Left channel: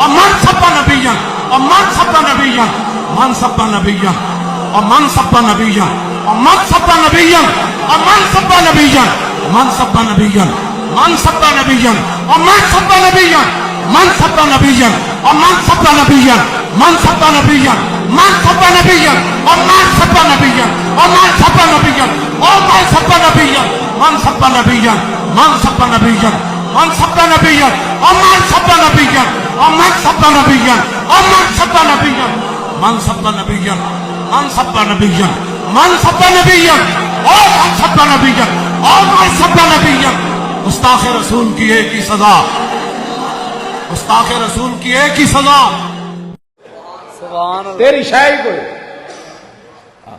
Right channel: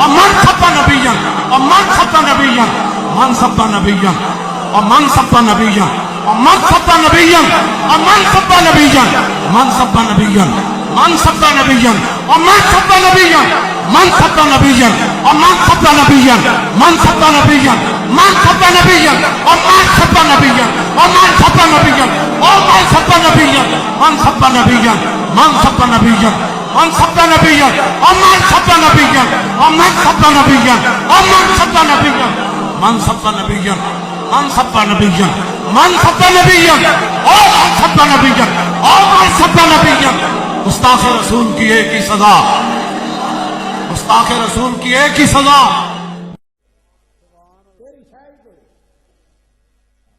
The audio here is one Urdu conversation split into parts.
ومن سب نبيا ومن سب نبيا من سب نبيا ومن سب نبيا ومن سب نبيا ومن سب نبيا من سب نبيا من سب نبيا ومن سب نبيا من سب نبيا ومن سب نبيا من سب نبيا من سب نبيا ومن سب نبيا ومن سب نبيا ومن سب نبيا من سب نبيا من سب نبيا من سب نبيا ومن سب نبيا ومن سب نبيا ومن سب نبيا من سب نبيا من سب نبيا من سب نبيا ومن سب نبيا ومن سب نبيا گستاخ رسول کی ایک ہی سزا گستاخ رسول کی ایک ہی سزا تیری شاہی کوئی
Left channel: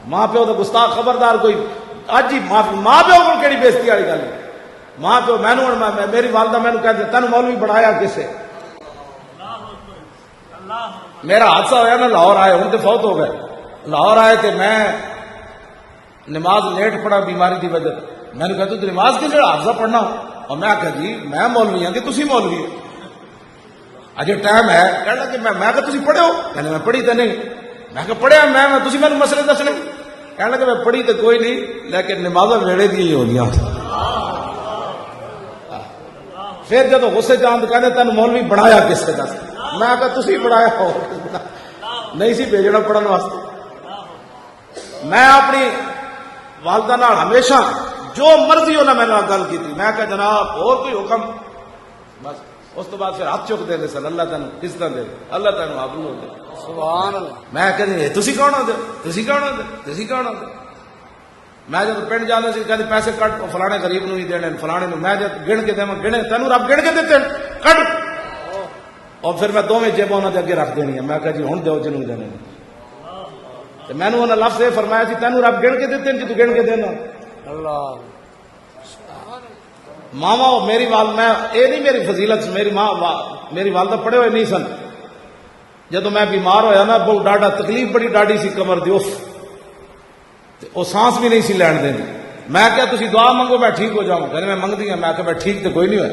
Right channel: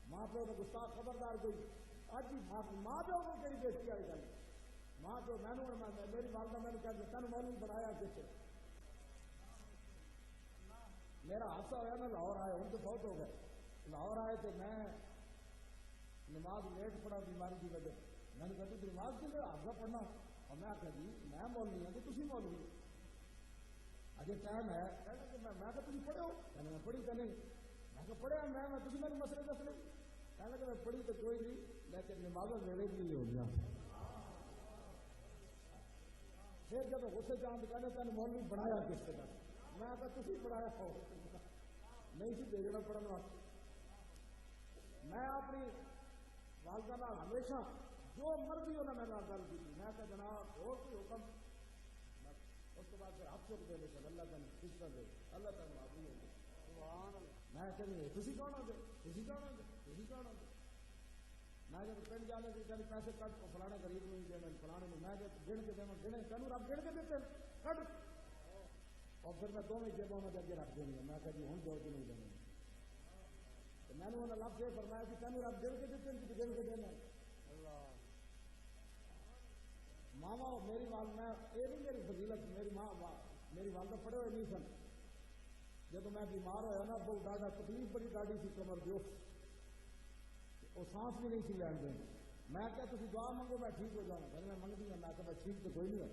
ماں پیو تو گستاخ خبردار کوئی اج ہی ماں پیو کو کیڑی بےزتی والی گل ماں پیو مینوں میری والدہ مینوں کہتے تینوں مولوی بڑھایا کسے میرا حادثہ ہوا نا لاہور آئے ہوں تو فوت ہو گئے لاہور آئے تھے میں نماز لیٹ پڑھا بیماری کی وجہ میں نے کہا تو نماز کس جگہ حافظہ پڑھنا اور میں کہا جی میں مولوی ہوں کہ تسی مولوی ہو اجے ٹائم ہے کہنا کہ میں کہا تسی پڑھے ہو کہنے میں پڑھی تو نہیں میں کہا پڑھیا میں تسی میں مسئلے دسنے کہنے کہ میں پڑھی تو کوئی نہیں لیکن نمازیں ویڑے دی ہی ہونیاں پھر جب غصے چاند کہنے تین مولوی بڑھایا کس سے دس میں کہا تسی بڑھایا ہو نہیں سی بھیجنا پڑھنے واسطے میں اپنی والدہ نال ہمیشہ جو مرضی انہیں میں نے گل کی تھی میں کہا جناب اور کوئی حکم بس اس تو بعد پھر ہاتھ چک دے سن اللہ تینوں کس طرح دے اللہ تینوں آبرو ہو دے سبحان اللہ میں کہتے تسی کون ہو دے تسی کون ہو دے تسی کون ہو دے میں جب پنڈ جانے سے کہتے پیسے کٹ فلانے غریب نو ہی دینے فلانے نو میں جب گن کے دے گنے تینوں رب گن کے دیتے کٹ اور پھر میں دونوں جیبوں انہوں نے اگے رکھ دینی ہے میں کہا جی ہوں دو جنوں دینے میں نے انہوں نے لفظ یہ فرمایا سی تینوں رب گن کے دیتے ہیں کہ تو گن کے دینا اللہ ماما میری میں یہ نہیں میری فضیلت میری ماں میری والدہ پڑھے ہوئے نہیں سن جب میں بیمار ہویا نا بہت ڈاڈا تکلیف بڑی ڈاڈی سی کمر دی وہ سانس بھی نہیں سی لین دیں میں کہا تسی دعا منگو میں ٹھیک ہو جاؤں کہنے میں منگ دی میں کہا میں ٹھیک تو کوئی نہیں ہوئے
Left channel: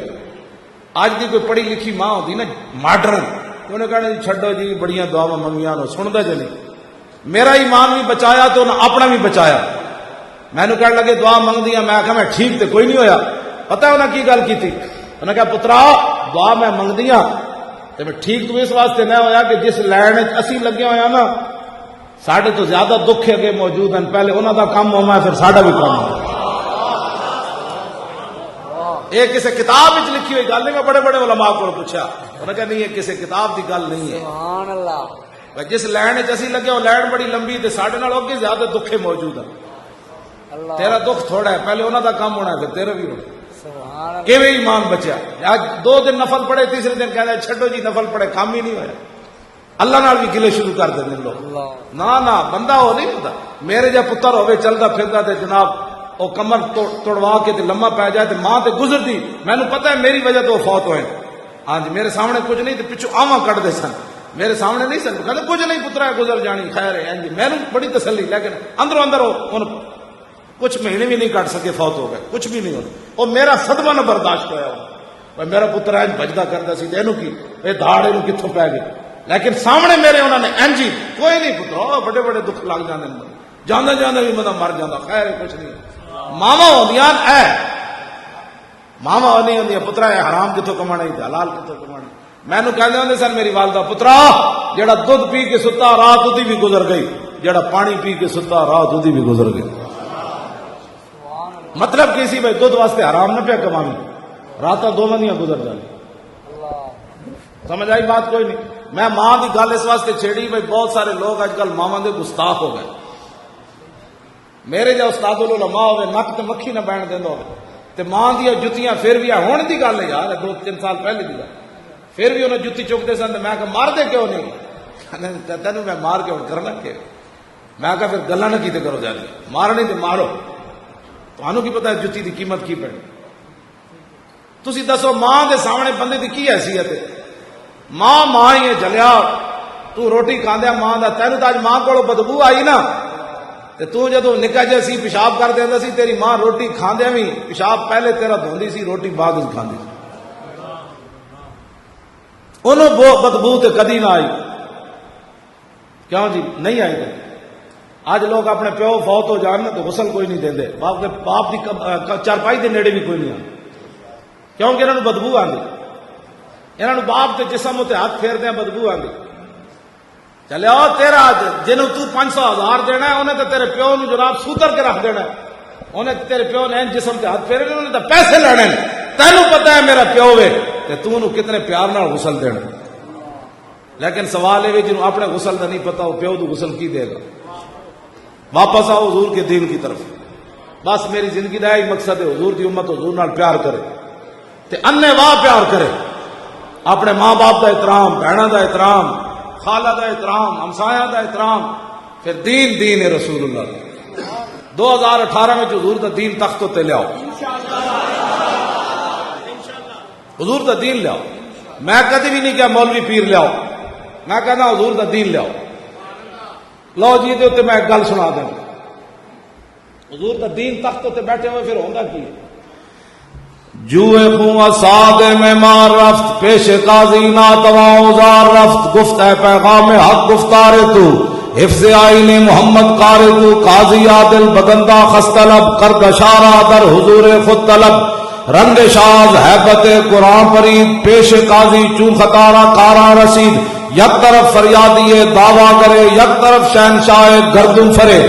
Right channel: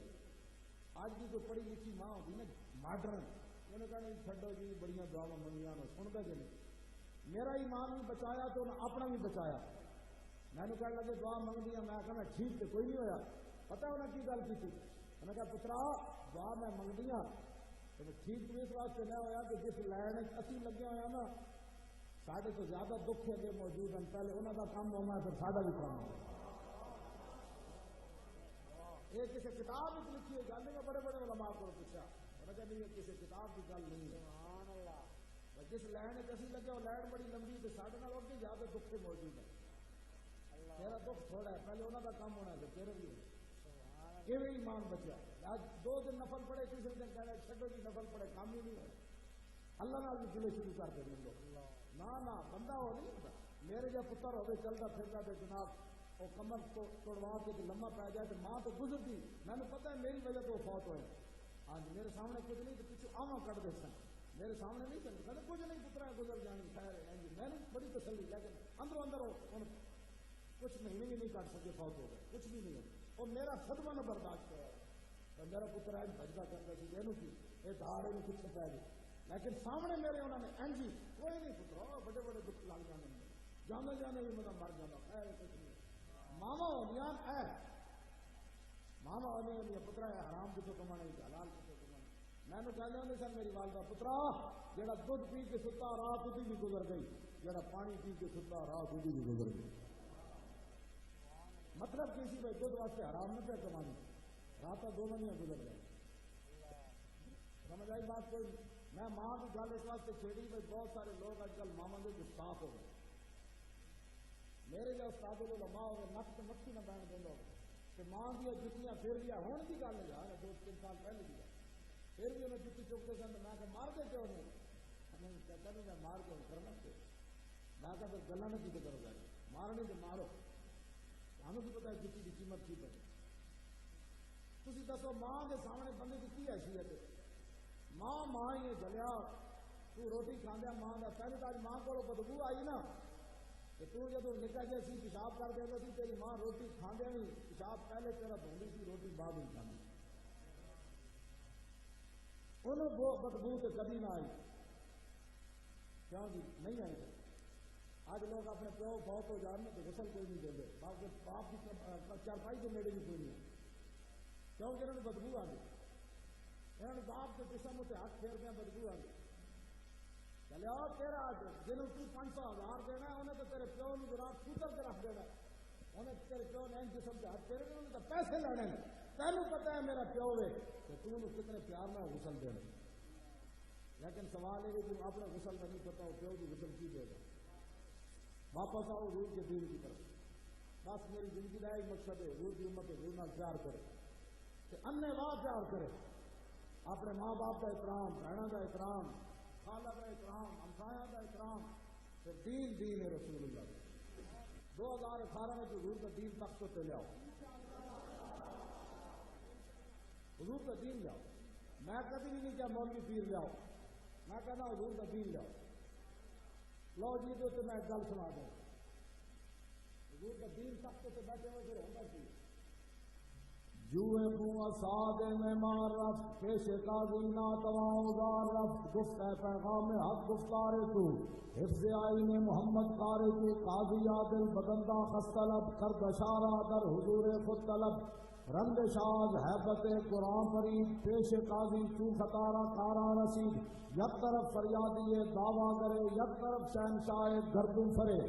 آج دی کوئی پڑھی لکھی ماں ہوتی نا ماڈرن انہوں نے کہنا جی چھڈو جی بڑیاں دعا منگیاں نو سندا جو نہیں میرا ایمان بھی بچایا تو انہیں اپنا بھی بچایا میں نے کہنے لگے دعا منگ دیا میں کہا میں ٹھیک تو کوئی نہیں ہویا پتہ ہے انہیں کی گل کی تھی انہوں نے کہا پترا دعا میں منگ دیا تو میں ٹھیک تو اس واسطے نہ ہویا کہ جس لین اسی لگے ہویا نا ساڑھے تو زیادہ دکھ اگے موجود ہیں پہلے انہوں دا کام ہونا ہے پھر ساڑھا بھی کام ہونا یہ کسی کتاب وچ لکھی ہوئی گل نہیں میں بڑے بڑے علماء کو پوچھا انہوں نے کہا نہیں یہ کسی کتاب دی گل نہیں ہے سبحان اللہ جس لین اسی لگے وہ لین بڑی لمبی تے ساڑھے نال اگے زیادہ دکھے موجود ہیں تیرا دکھ تھوڑا ہے پہلے انہوں دا کام ہونا ہے پھر تیرا بھی ہونا کیویں ایمان بچیا آج 2 دن نفل پڑے تیسرے دن کہہ رہے چھڈو جی نفل پڑے کام ہی نہیں ہویا اللہ نال بھی گلے شروع کر دیں لوگ نہ بندہ ہو نہیں ہوتا میرے جا پتر ہوئے چلتا پھرتا تے جناب وہ کمر توڑوا کے تے لمبا پی جائے تے ماں تے گزر دی میں نے پتہ ہے میری وجہ تو وہ فوت ہوئے ہاں جی میرے سامنے کچھ نہیں تے پچھو آواں کٹ دے سن میرے سامنے نہیں سن کہتے کچھ نہیں پترا گزر جانی خیر ہے جی میں نے بڑی تسلی لیکن اندروں اندر کچھ مہینے بھی نہیں کٹ سکے فوت ہو گئے کچھ بھی نہیں ہونا اور میرا صدمہ نہ برداشت ہوا میرا پتر اینج بجدا کرتا سی اینو کی یہ دھاڑ اینو کتھوں پی گئی لیکن سامنے میرے انہوں نے اینجی کوئی نہیں پترا بڑے بڑے دکھ لگ جانے جانا جانا بھی مطلب مر جانا خیر کچھ نہیں ماما ہوندیاں اے ماما ہونی ہوندیاں پترا ہے حرام کتھوں کمانا ہی حلال کتھوں کمانا میں نو کہندے ہوندے سن میری والدہ پترا جڑا دودھ پی کے ستا رات اودی بھی گزر گئی جڑا پانی پی کے ستا رات اودی بھی گزر گئی مطلب کسی بھائی دودھ واسطے حرام نہ پیا کمانی رات 2 منیاں گزر جانے سمجھ آئی بات کوئی نہیں میں ماں دی گل اس واسطے چھیڑی بھائی بہت سارے لوگ آج کل ماواں دے گستاخ ہو گئے میرے جا استاد العلماء ہوئے نک تے مکھی نہ بہن دیندا ہوئے تے ماں دی جتیاں پھر بھی ہون دی گل ہے یار 2-3 سال پہلے دی گل پھر بھی انہیں جتی چکتے سن میں کہا مار دے کیوں نہیں تینوں میں مار کے کرنا کہ میں کہا پھر گلا نہ کیتے کرو جانے مارنی تے مارو تمہوں کی پتا ہے جتی دی قیمت کی پڑی تسی دسو ماں دے سامنے بندے دی کی حیثیت ہے ماں ہی ہے جلیا تو روٹی کھاندیا ماں دا تینوں تاج ماں کو بدبو آئی نا تے تو جدو نکا جا سی پیشاب کر دیندا سی تیری ماں روٹی کھاندیا بھی پیشاب پہلے تیرا دھوندی سی روٹی بعد وچ کھاندی سی انہوں بدبو تے کدی نہ آئی. کیوں جی نہیں آئی کدی. آج لوگ اپنے پیو فوت ہو جان تو غسل کوئی نہیں دے. باپ کی چارپائی دے نیڑے بھی کوئی نہیں آتا کیونکہ انہوں نے بدبو آتی. انہوں نے باپ کے جسم تے ہاتھ پھیر دیا بدبو آتی. چلے آؤ تیرا جنہوں تو 500,000 دینا ہے انہیں تو تیرے پیو نے جناب سوتر کے رکھ دینا ہے. انہیں تیرے پیو نے جسم تے ہاتھ پھیرے انہیں تو پیسے لینے. تینوں پتا ہے میرا پیو ہے کہ تو انہوں کتنے پیار نال غسل دینا. لیکن سوال ہے جنہوں اپنے غسل کا نہیں پتا وہ پیو تو غسل کی دے گا. واپس آؤ حضور کے دین کی طرف. بس میری زندگی کا یہی مقصد ہے حضور کی امت حضور نال پیار کرے تے انے واہ پیار کرے. اپنے ماں باپ کا احترام, بہنوں کا احترام, خالہ کا احترام, ہمسایہ کا احترام. پھر دین ہے رسول اللہ. 2018 میں حضور کا دین تخت تے لیاؤ. حضور کا دین لیاؤ. میں کدی بھی نہیں کہا مولوی پیر لیاؤ. میں کہنا حضور کا دین لیاؤ. لو جی دے اتنے میں ایک گل سنا دیں. حضور کا دین تخت تے بیٹھے ہوئے پھر ہوگا کی جوئے خوں ساد میں مار رفت پیش قاضی ناتواں اوزار رفت گفت ہے پیغام حق گفتار تو حفظ آئین محمد قار تو قاضی عادل بدندہ خستلب کرد اشارہ در حضور خود طلب رنگ شاز حیبت قرآن پرید پیش قاضی چون خطارہ کارا رسید یک طرف فریادی دعویٰ کرے یک طرف شہنشاہ گردن فرے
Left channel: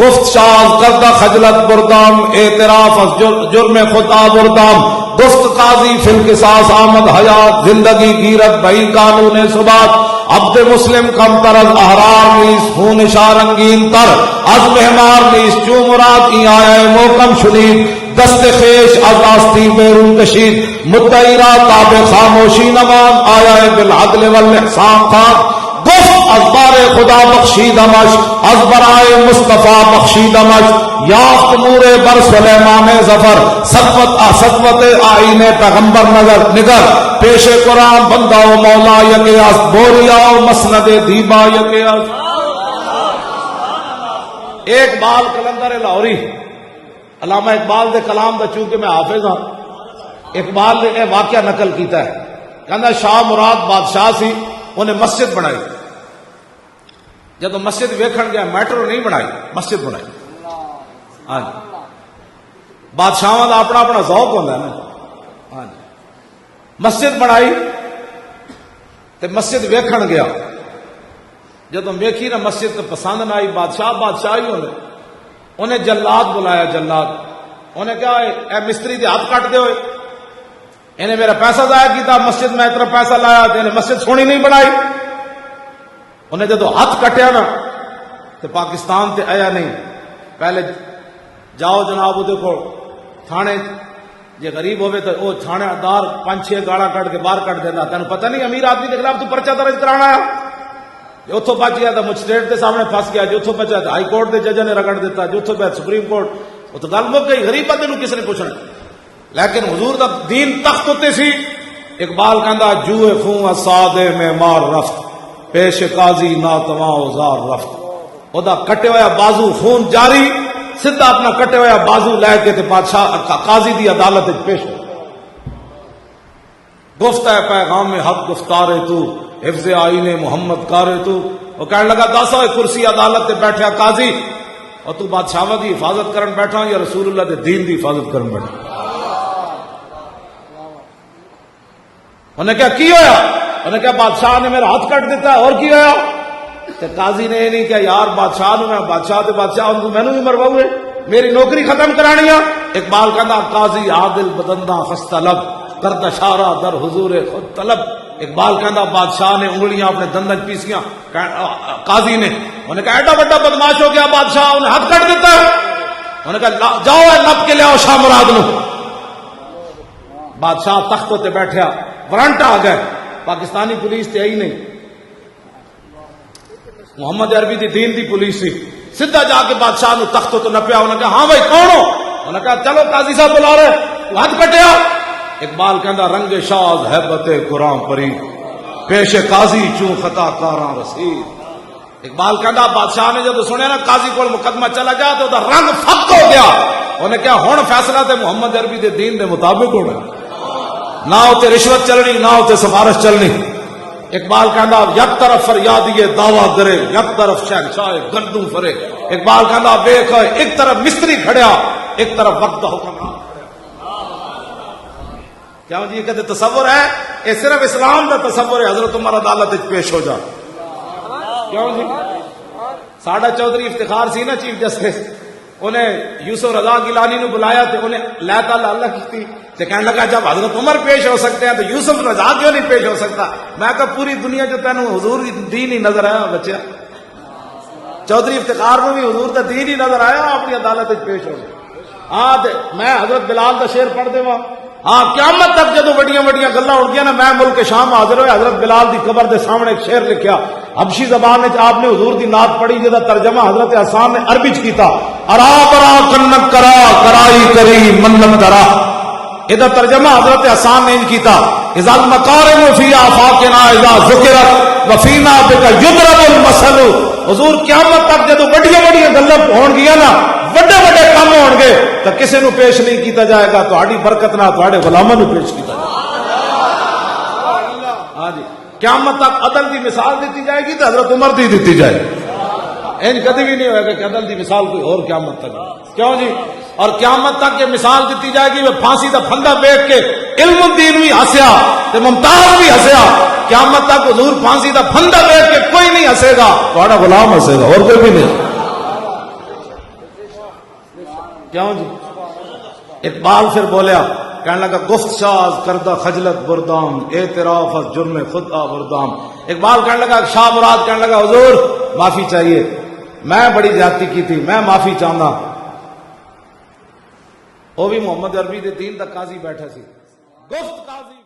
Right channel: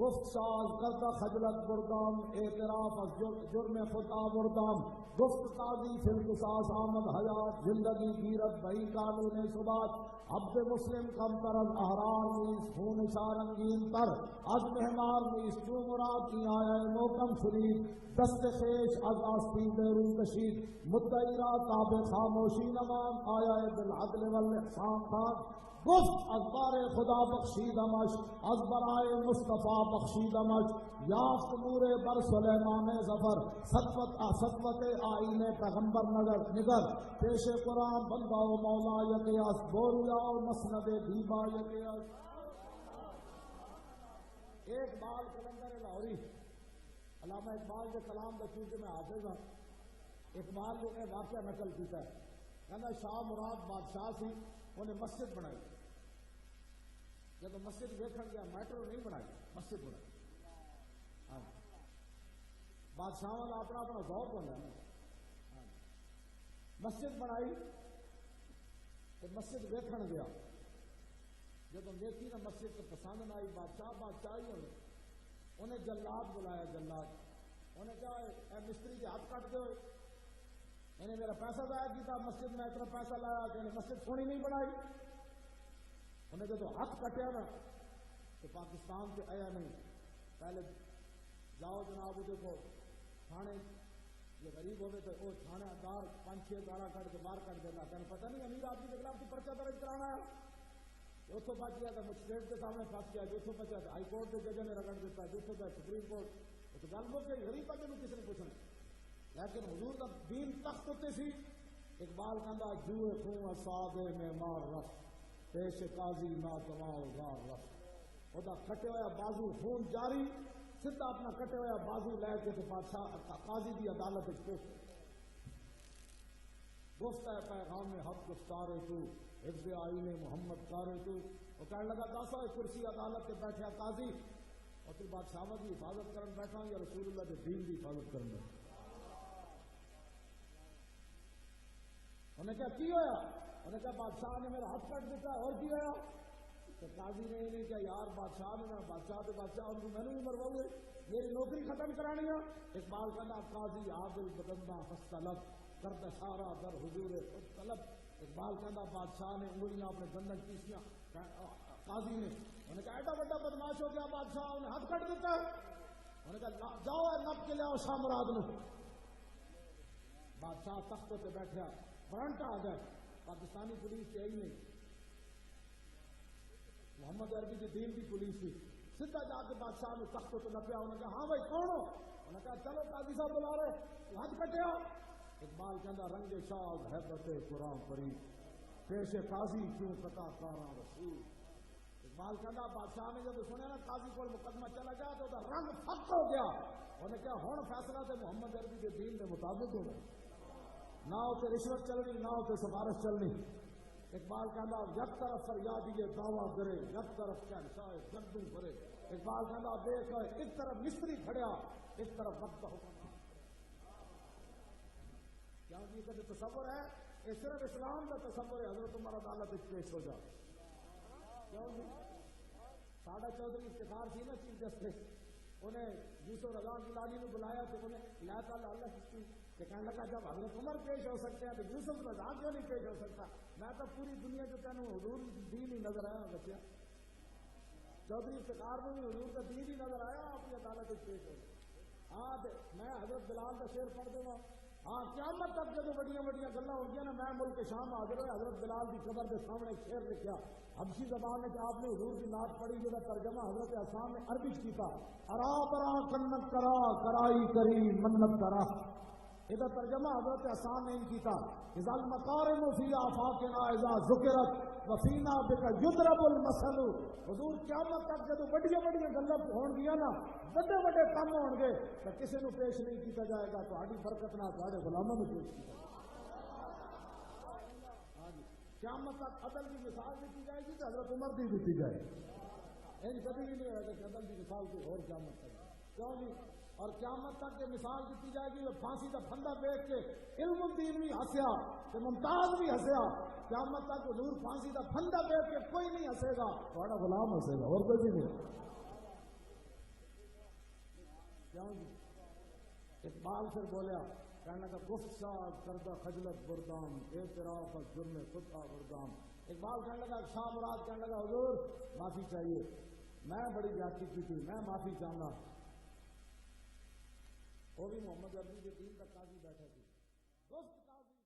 گفت شاز کردہ خجلت بردام اعتراف از جرم خود آبردام گفت قاضی فی القصاص آمد حیات زندگی گیرت بہی قانون ثبات عبد مسلم کم تر از احرار نیس خون شارنگین تر از مہمار نیس چو مراد ای آیا موکم شنید دست خیش از آستی بیرون کشید مدعی را تاب خاموشی نمان آیا بالعدل والاحسان خان گفت از بار خدا بخشیدمش از برائے مصطفیٰ بخشیدمش یافت نور بر سلیمان ظفر سطوت آئین پیغمبر نگر پیش قرآن بندہ و مولا یکی است بوریا و مسند دیبا یکی است. اقبال کلندر لاہوری علامہ اقبال دے کلام دا چونکہ میں حافظ ہاں اقبال نے یہ واقعہ نقل کیتا ہے. کہنا شاہ مراد بادشاہ سی انہیں مسجد بنائی. جب مسجد ویکھن گیا میٹرو نہیں بنائی مسجد بنائی. ہاں جی بادشاہاں دا اپنا اپنا ذوق ہوتا ہے نا. ہاں جی مسجد بنائی تے مسجد ویکھن گیا. جب ویکھی نا مسجد تو پسند نہ آئی. بادشاہ ہی انہیں جلاد بلایا. جلاد انہیں کہا اے مستری دے ہاتھ کٹ دے ہوئے انہیں میرا پیسہ ضائع کیتا. مسجد میں اتنا پیسہ لایا انہیں مسجد سونی نہیں بنائی. انہیں جدو ہاتھ کٹیا نا تو پاکستان تے آیا نہیں. پہلے جاؤ جناب وہ کو تھانے جے غریب ہوئے تو وہ تھانے دار 5-6 گاڑا کٹ کے باہر کٹ دینا. تینوں پتہ نہیں امیر آدمی کے خلاف تو پرچہ درج کرانا ہے. اتوں بچ گیا تو مجسٹریٹ کے سامنے پھنس گیا. جو اتوں بچا تو ہائی کورٹ کے جج نے رگڑ دیتا. جو اتوں پہ سپریم کورٹ وہ تو گل مک گئی. غریب بندے کس نے پوچھنا. لیکن حضور دا دین تخت ہوتے سی. اقبال کہندا جوئے خوں سادے میں مار رفت پیش قاضی ناتواں اوزار رفت. او دا کٹے ہویا بازو خون جاری سدھا اپنا کٹے ہویا بازو لے کے تے بادشاہ قاضی دی عدالت پیش ہو. گفت ہے پیغام حق گفتار تو حفظ آئین محمد کار تو. وہ کہنے لگا دس ہوئے کرسی عدالت تے بیٹھا قاضی اور تو بادشاہ دی حفاظت کرن بیٹھا یا رسول اللہ دے دین دی حفاظت کرن بیٹھا. انہیں کہا کی ہویا. انہیں کہا بادشاہ نے میرا ہاتھ کٹ دیتا ہے. اور کی ہویا. تے قاضی نے یہ نہیں کہا یار بادشاہ نے میں بادشاہ تے بادشاہ میں نے بھی مرواؤں میری نوکری ختم کرانی ہے. اقبال کہنا قاضی عادل بدندہ خستلب کرد اشارہ در حضور خود طلب. اقبال کہنا بادشاہ نے انگلیاں اپنے دندن پیسیاں قاضی نے. انہیں کہا ایڈا بڑا بدماش ہو گیا بادشاہ انہیں ہاتھ کٹ دیتا ہے. انہیں کہا جاؤ نپ کے لے آؤ شاہ مراد نو. بادشاہ تخت تے بیٹھا وارنٹ آ گئے. پاکستانی پولیس تے آئی نہیں محمد عربی دی دین دی پولیس سی. سیدھا جا کے بادشاہ نو تخت تو نپیا. انہیں کہا ہاں بھائی کون ہو. انہیں کہا چلو قاضی صاحب بلا رہے ہاتھ کٹیا. اقبال کہندا رنگ شاز حیبت قرآن پری پیش قاضی چوں خطا کاراں رسید. اقبال کہندا بادشاہ نے جب سنیا نا قاضی کو مقدمہ چلا گیا تو دا رنگ فک ہو گیا. انہیں کہا ہن فیصلہ تے محمد عربی دے دین دے مطابق ہونا. نہ ہوتے رشوت چلنی نہ ہوتے سفارش چلنی. اقبال کہندا یک طرف فریادی دعویٰ کرے یک طرف شہنشاہ گردوں فرے. اقبال کہندا ویکھ ایک طرف مستری کھڑیا ایک طرف وقت دا حکمران. کیا جی کہتے تصور ہے؟ یہ صرف اسلام دا تصور ہے. حضرت عمر عدالت وچ پیش ہو جا. کیوں جی ساڈا چودھری افتخار سی نا چیف جسٹس, انہیں یوسف رضا گیلانی نو بلایا تے انہیں اللہ تعالیٰ اللہ کی تے کہنے لگا جب حضرت عمر پیش ہو سکتے ہیں تو یوسف رضا کیوں نہیں پیش ہو سکتا؟ میں کہا پوری دنیا جو تینوں حضور دین ہی نظر آیا بچیا. چودھری افتخار نو بھی حضور دا دین ہی نظر آیا, اپنی عدالت وچ پیش ہو گئے. ہاں تے میں حضرت بلال دا شعر پڑھ دے ہاں, قیامت تک جدو وڈیاں وڈیاں گلاں اڑ گیا نا, میں ملک شام حاضر ہوئے حضرت بلال دی قبر دے سامنے ایک شعر لکھیا حبشی زبان وچ آپ نے حضور دی نعت پڑھی جدا ترجمہ حضرت حسان نے عربی وچ کیتا ارا برا کنک کرا کرائی کری منت درا. ادا ترجمہ حضرت حسان نے کیتا اذا المقارن فی آفاقنا اذا ذکرت وفینا بک یضرب المثل. حضور قیامت تک جدو وڈیاں وڈیاں گلاں ہون گیا نا, وڈے وڈے کام ہون گے تو کسی نو پیش نہیں کیتا جائے گا, تہاڈی برکت نال تہاڈے غلاماں نو پیش کیتا جائے گا. ہاں جی قیامت تک عدل دی مثال دیتی جائے گی تو حضرت عمر دی دیتی جائے گی. این کبھی بھی نہیں ہوئے گا کہ عدل دی مثال کوئی اور قیامت تک. کیوں جی؟ اور قیامت تک یہ مثال دیتی جائے گی, وہ پھانسی دا پھندا بیٹھ کے علم الدین بھی ہسیا تے ممتاز بھی ہسیا. قیامت تک حضور پھانسی دا پھندا بیٹھ کے کوئی نہیں ہسے گا, تہاڈا غلام ہسے گا اور کوئی بھی نہیں. کیوں جی؟ اقبال پھر بولیا کہنے لگا گفت شاز کردہ خجلت بردام اعتراف از جرم خود آوردام. اقبال کہنے لگا شاہ مراد کہنے لگا حضور معافی چاہیے, میں بڑی زیادتی کی تھی, میں معافی چاہنا. وہ بھی محمد عربی دے دین دا قاضی بیٹھا سی, گفت قاضی